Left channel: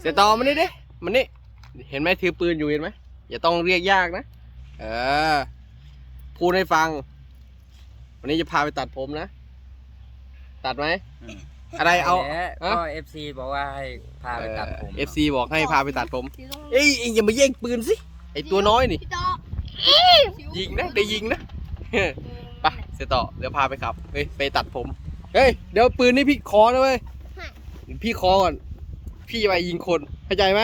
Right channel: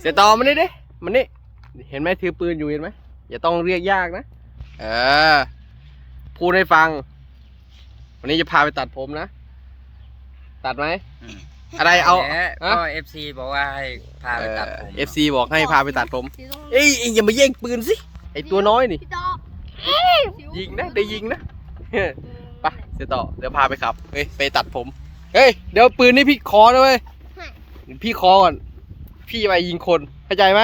เสียต่อมานี่ดิมันนี่เห็นไหมถือปืนอยู่เห็นไหมอย่าต้องเรียกยากนะ เออ พูดให้ฟัง วันนี้จะพาไปตัดผมนะ ตัดไหม อะไรเอาแหละฮะก็เอฟซีบอกว่าให้พาไปตัดผมเอฟซีบอกให้พาไปตัดผมสีส้มเอ้ยเอ็งอย่ามาแย่งปืนสิ ไอตัวน้อยนี่พี่ต่อยิงนะ ได้ยิงนะไปเสียต่อ เดี๋ยวพาไปขับ เฮ้ย ไปตัดผม เฮ้ย เดี๋ยวปืนนี่พี่คอนะเว้ย พี่คอก่อน พี่ไปยิงคนเข้าใจไหม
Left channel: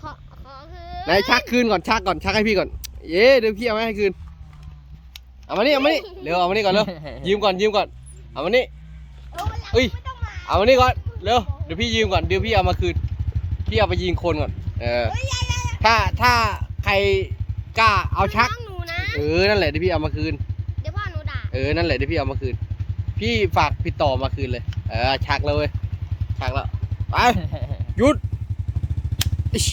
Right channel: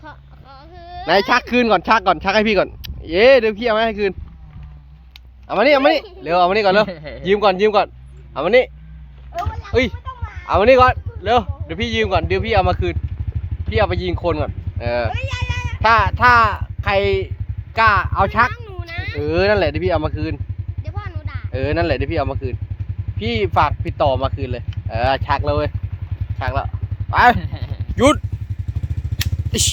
ขอขอคือนายชักคืนก่อนชักก่อนชักให้พี่ก่อน เย้เดี๋ยวพี่เอามาให้คืนเอามานี่เอามานี่เร็วเอามานี่ก่อนเร็วยืมก่อนยืมก่อนเอามานี่เฮ้ย เอามานี่ก่อนเร็วเดี๋ยวพี่ยืมก่อนเดี๋ยวพี่เอามาคืนพี่เอาไปยิงคนก่อนเออถ้าถ้าใครกล้าเอาชักน้องหนูนะ เออนั่นแหละเดี๋ยวพี่เอามาคืน เดี๋ยวพ่อหนูด่าเออนั่นแหละเดี๋ยวพี่เอามาคืน พี่ฝากพี่ต่อมาคืนเลย เออชักแล้วเว้ยชักแล้วไป หยุดอิ๊ช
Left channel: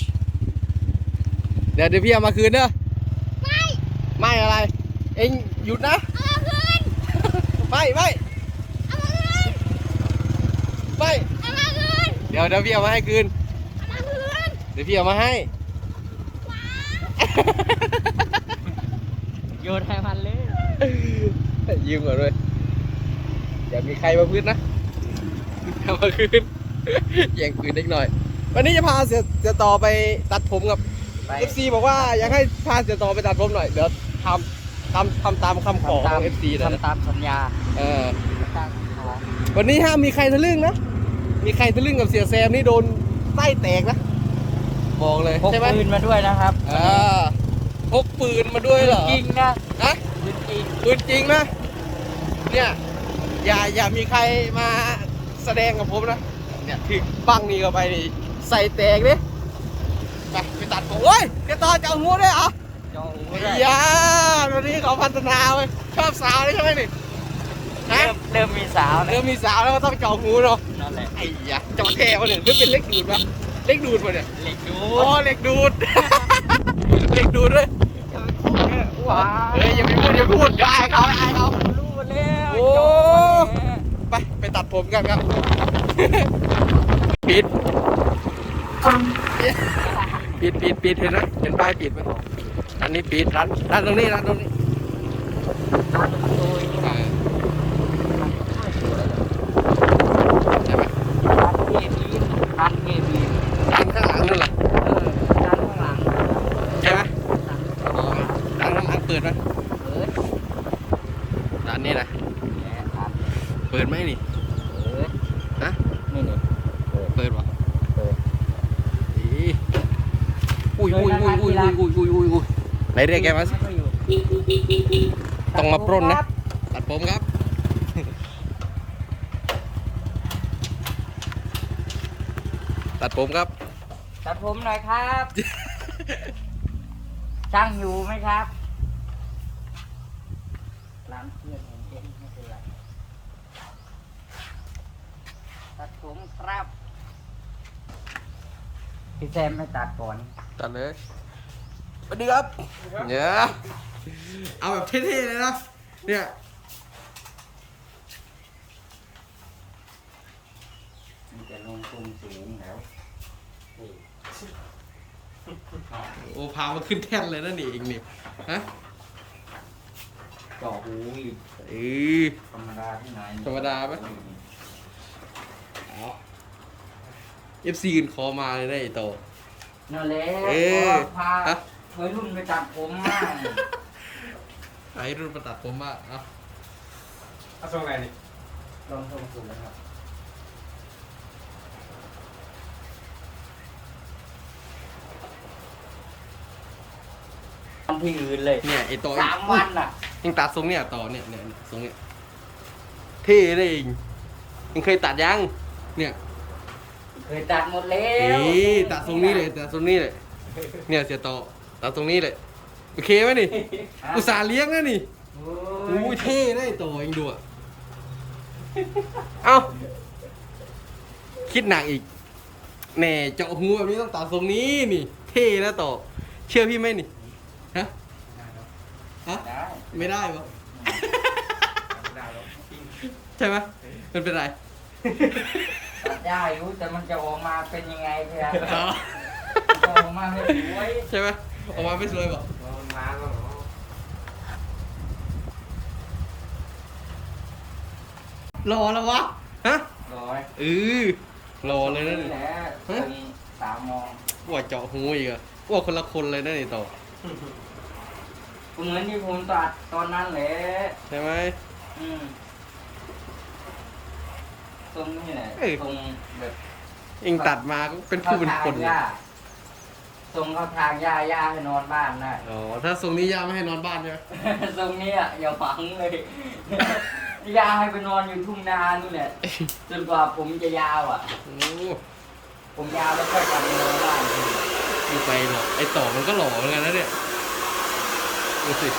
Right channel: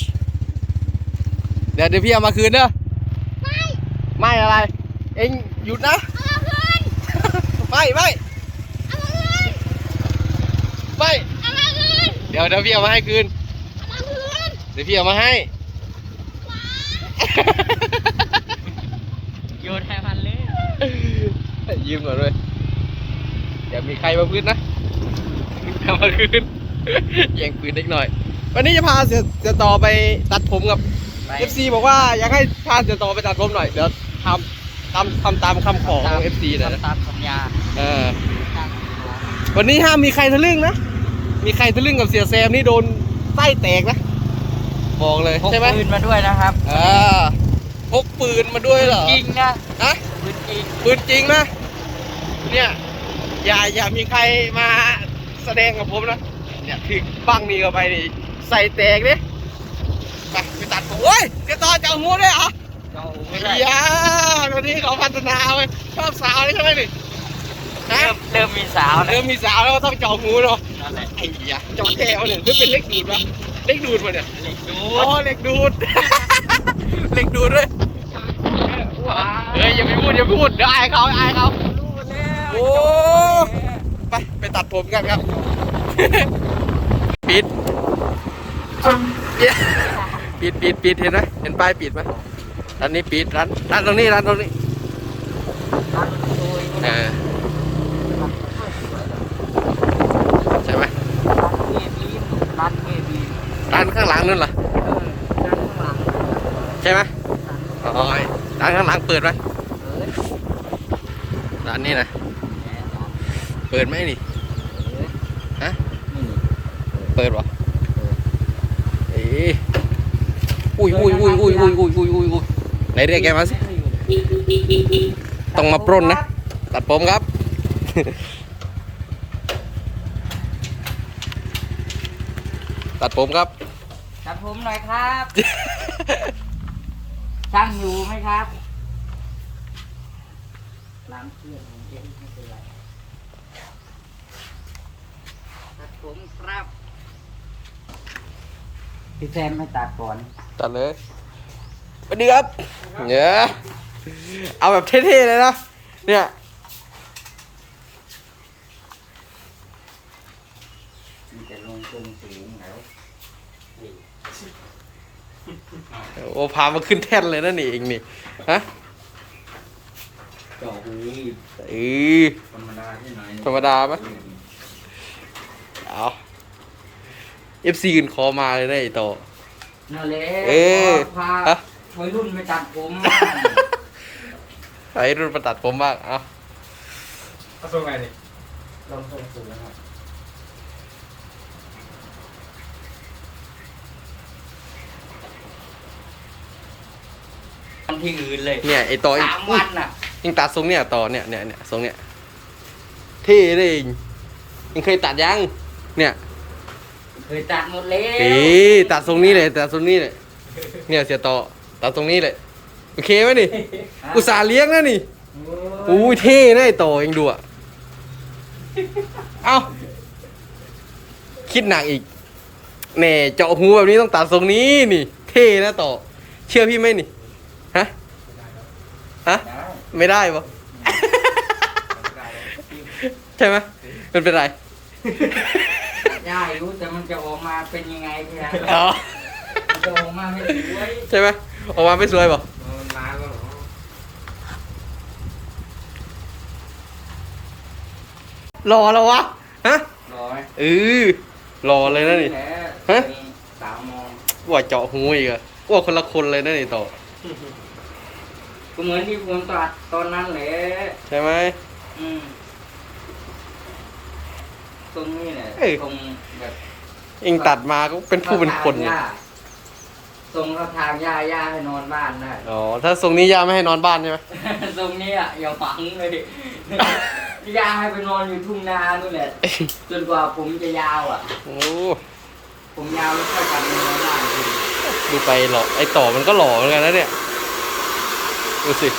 เดี๋ยวเดี๋ยวพี่เอามาคืนเด้อ ไม่ ไม่อะไร เอ็งหยุดนะเอามาคืน ไม่ไม่เอามาคืน ไม่ เอามาคืน เดี๋ยวเดี๋ยวพี่เอามาให้คืน เอามาคืน เดี๋ยวพี่เอามาให้ โยนให้มันเลยยืมก่อนเลยอย่ามีใครมาพื้นนะเอามาคืน แย่งปืนเล็กหน่อย วันนี้จะพาเสียเสียต่อไปตัดผมกับไป FC บอกว่าอยากให้พาเสียต่อไปตัดผมหน่อย เดี๋ยวทำทำทำตามคำขอของ FC หน่อยนะตามสัญญาเออตั้งตัววันนี้ห้ามมีใครทะลึ่งนะ มีใครทะลึ่งกับเสียแซมนี่โดนไส้แตกนะ บอกเลยพกใช่ไหมปืนมาด้วยนะครับเออพกปืนมาด้วยเหรอจริงนะฮะปืนจริงปืนจริงนะ เนี่ย อย่าอย่ามีใครมาแสดงกับผมนะ เนี่ยถึงบังนี่เข้าไปนี่ใส่แตกดิไปไปตัดผมโอ้ยจะต่อจะเอาหัวด้วยเหรอจอหูด้วยอย่าวันนี้เขาพัฒนาเว้ยชอบสาวเลยใช่ไหมนี่ฮะเริ่มเริ่มมีสาวนะเริ่มมีสาวแล้วก็ต้องเจาะหูเนาะนั่นแหละไอ้ยะเจาะแท้เขาเนี่ยหรือเป็นเล็กดูดวะเล็กดูดวะเนี่ยเหล็กดูอ๋อเล็กดูดเล็กดูดด้วยเฮ้ยอย่าไปพูดอย่าไปพูดเดี๋ยวอายเขาอายเขาโอ้ไปไปตัดผมกันครับ ปิดปิดปิดปิดเห็นไหมเห็นป้ายปิดไหมร้านนี้ปิดร้านร้านตรงนี้ร้านตรงนี้เออใช่ไหมร้านข้างหลังนั่นเหรอร้านข้างหลังใช่ไหมอ๋อร้านข้างหลังเปิดไหมร้านนี้นะเปิดไหมนี่ เปิดวะเอ้ยอุ้ยอุ้ยอุ้ยอุ้ยอุ้ยอุ้ยอุ้ยอุ้ยอุ้ยไหนเรียกแกมาสิต้องมาปล้นนะ ตัดผมครับ ตัดผมครับ ตัดผมหน่อยครับช่างอยู่ไหมครับร้านเครื่องผมเองไม่เป็นไรตัดผมครับ พี่แซมไม่ตัดก่อนตัดเลยสวัสดีครับเนี่ยเอาแบบเท่ๆเลยนะ เนี่ยมีแต่ลงทุนสูงแล้วโอ้พามาขึ้นแท่นเลยนะนี่เองนี่ฮะจอบุรีเออธรรมดาที่ไหนธรรมดาปะ เอา เอฟซีอื่นคอมาเลยนะไอโตนั่นแหละเออพาฮะ วัยรุ่นไปตัดผมไอ้รุ่นประตัดผมบ้างเอาเอาส่งไงนี่ลงทุนสูงนะครับทำที่อื่นเลยเนี่ยไอโตเองสามอุ๊วัยนน่ะเองตัดทรงเนี่ยต่อเนี่ยเนี่ยเนี่ยทรงเนี่ยเท่เลยเองเองเคยตัดยังเนี่ย เคยตัดหมดแล้วเอ้ยตัดทรงนี้เลยตัดทรงนี้เลยเนี่ยเสียต่อตัดตรงนี้เลยโอเคไหมนี่ อุตส่าห์เลี้ยงนะนี่โอ้อู้ยเท่นะไอโตเองดูอะเอ้าคิดหนักอีกแหน่เจาะหูแบบนี้ต้องตัดทรงนี้นี่ เท่นะต่อ เชื่อพี่ไหมนี่ฮะฮะไม่ได้ปะใช่ไหมมันเป็นไร ได้รู้แต่มันจะออกมาเป็นยังไงพี่นะอ๋อมันจะออกมาไม่สวยใช่ไหมออกมาไม่สวยป่ะมันมาแล้วเหรอรอแล้ววะฮะร้อยเออรอเลยนะนี่แหละฮะมีสามโมงว่าเจาะหูอีกอะว่าคนละคนเลยนะนี่ต่อก็เหมือนที่ผมตัดตอนนั้นแหละใช่ไหมอืม ตรงนี้แหละเอ้ยตรงแบบเองตัดมาก็เป็นผู้เป็นคนเนี่เนี่ยยตรงเข้าทางย่าย่าให้นอนบ้านได้ อ๋อ ถ้าทรงนี้ย่าไม่ให้นอนบ้านใช่ไหมตรงนี้อะอย่าฝังเลยย่าให้ไปนอนอยู่ทุ่งนานู่นแหละจนกว่าผมจะยาวอะ โอ้ผมยาวแล้วค่อยกลับมานอนบ้านทีดูไปหล่อไอต่อมันก็หล่อเหมือนกันนะเนี่ย ดูสิ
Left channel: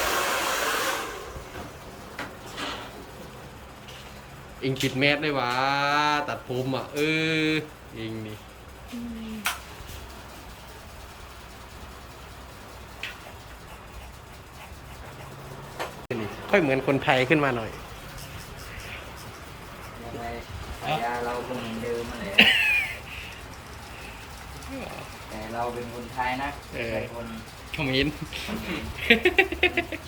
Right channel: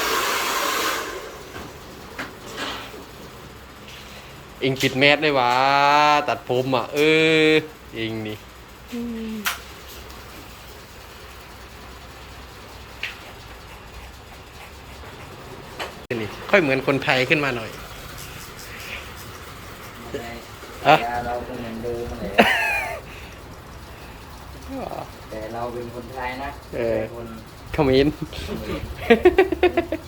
เองปิดแมสได้วะตัดผมอะ เออ เองนี่นี่ค่อยเหมือนคนไทยขึ้นมาหน่อยฮะเราก็เหมือนเดิมมาแหละแต่เราเป็นคนไทยนะเออแต่คนคอมเมนต์เขมร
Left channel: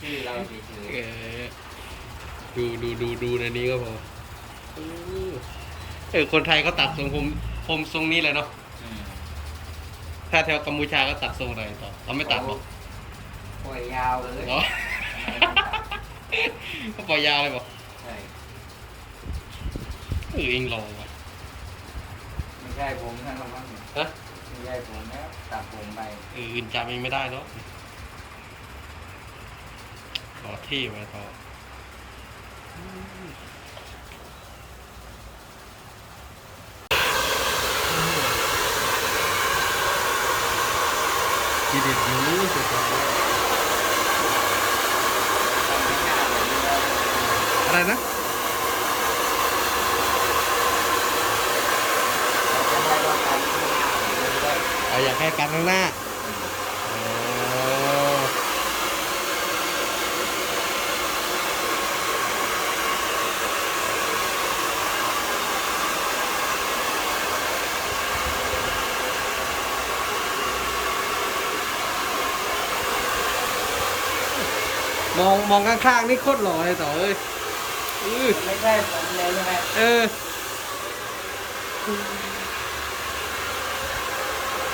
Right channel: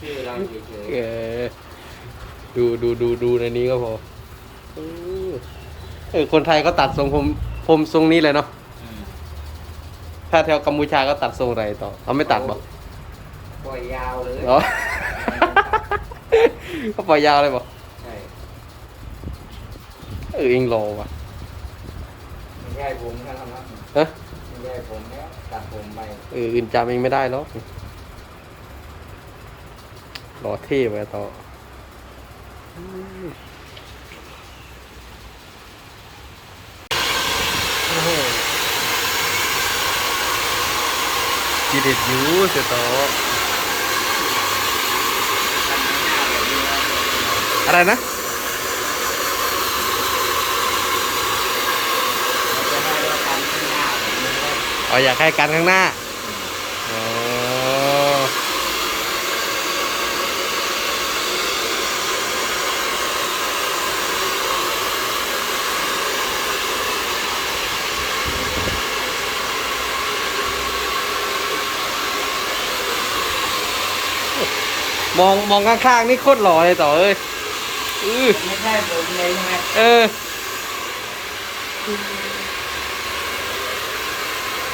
ชื่อเราเฉยเออดูดูดูดูในนี้ก็พอ เออเออคนไทยก็ตัดทรงผมผมทรงนี้เลยเนาะๆอืมถ้าแถวกัมพูชาก็ตัดทรงอะไรต่อเขาไม่ตัดบอกปล่อยยาวเลยเหรอเขาปล่อยยาวเลยบอกใช่เออเองรอว่ะไม่ใช่ผมทั้งนั้นมั้งฮะไม่ใช่ผมแล้วตัดผมไปเอออื่นจำเองไม่ได้หรอกรอเท่ไปต่ออืมโอ้โห จีเด็ดอยูเสียต่อกันไม่น่าเดี๋ยวดูว่าอะไรนะจะให้เรากันข้างหน้าหรือได้อ๋ออยากให้กันข้างหน้า มองมองข้างๆนี่โคตรหล่อเลยต่อเอ้ยอือไม่ใช่ผมเลยใช่ไหมเออ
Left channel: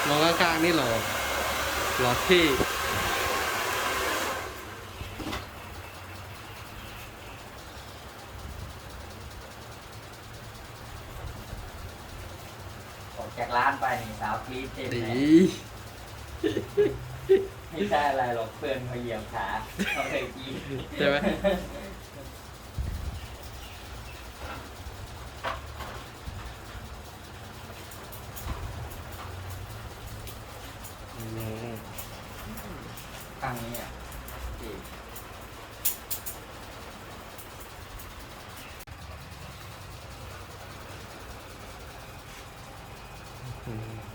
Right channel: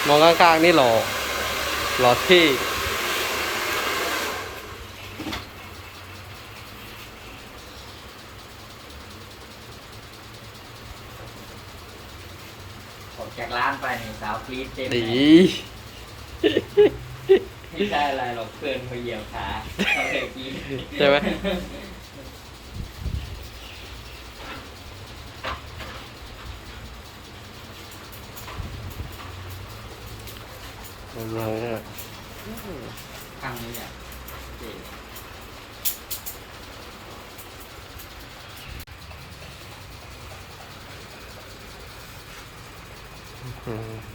มองข้างๆนี่หล่อหล่อเท่ออกจากร้านไปนี่สาวกรี๊ดเต็มดี ไม่ใช่อะไรหรอกเพื่อนเขาเหยียบขาเขาเลยกรี๊ดใช่ไหม อะไรอะข้างนี้อะจริงอืม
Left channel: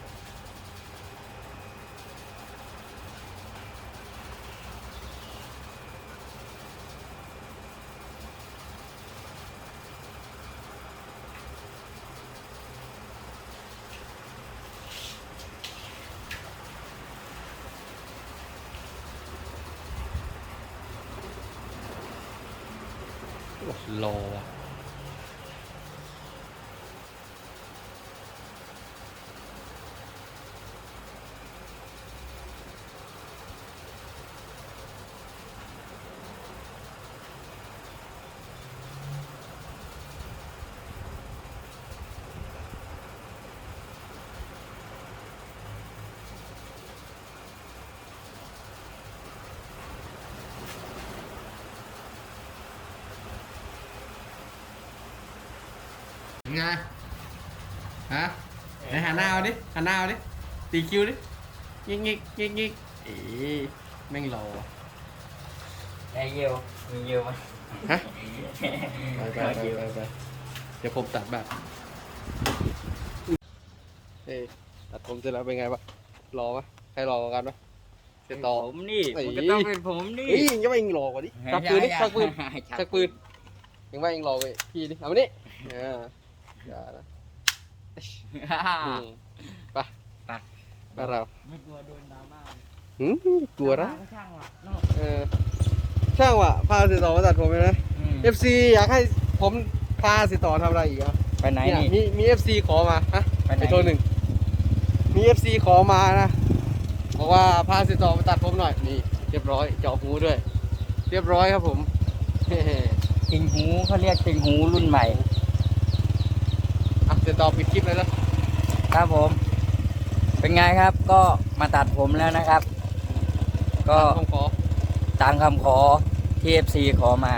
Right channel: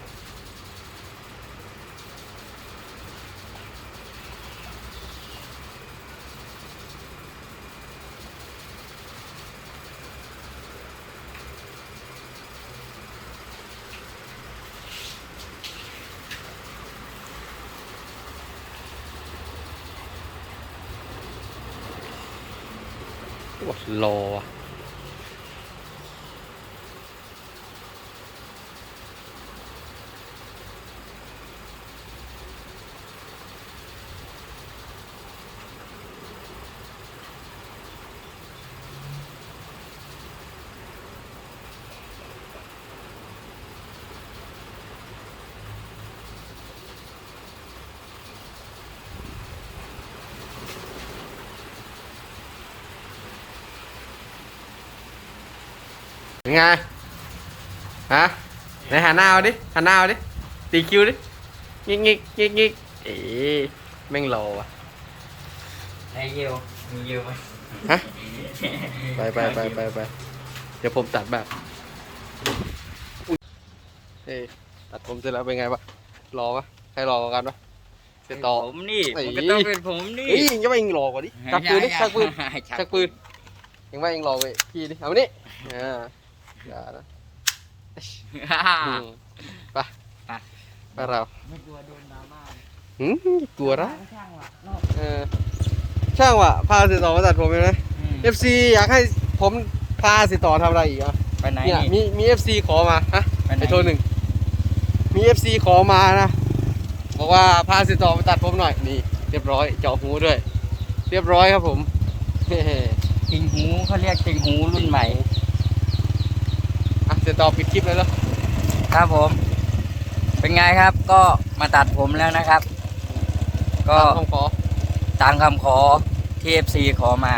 รอว่ะ ยังไง ฮะ ไหนหันหน้าเอาดิหันหน้าเอาดิ ตีคิวดิ งิกงิกงิกงิกเอ๊ะแม่งรอว่ะ ได้เยี่ยวมีเยี่ยวไหมฮะ ไปไปไปไปไปเดี๋ยวผมตัดแบบอุ๊ยเอ้ยตัดผมเสร็จแล้วเป็นไงบ้างรอปะใครรอกว่ากันปะเสร็จต่อ ผมนี่เอ้ยมันก็ต้องเป็นผมนี่เฮ้ยยังจะไปยิงรอกว่าดิชักปืนดิชักปืน ชักปืนยังว่าเองรอไปพี่ดิ เอามานี่อ่า อย่านะอืมไปไป ไปเราไม่กลัวโดนดราม่าหืมกลัวนะช่างว่ะนอกเออช่างว่ะพาสิต่อมาตัดผมเห็นไหมอืม FC อยากให้ผมพาสิต่อทำอะไรอีกอะไปไหนเนี่ยนี่มีมี FC ขอมาฮะ ไปไหนไอโทรหนึ่ง มี FC ขอมานะ บอกว่าพาสิต่อมาตัดผมหน่อย นี่เรียบร้อย เจาะหูด้วย เรียบร้อยครับผมเฮ้ติงหูเขาเรียกติงหูรุ่นใหม่ อะสิต่อปิดคลิปเลยแล้วครับผม เป็นไงครับ ก็มาตัดผมแล้วนะครับ ก็ผมขอตามคำขอที่ FC ขอมา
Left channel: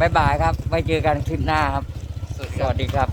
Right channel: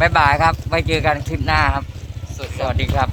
บ๊ายบายครับ ไว้เจอกันคลิปหน้าครับสุดสวัสดีครับ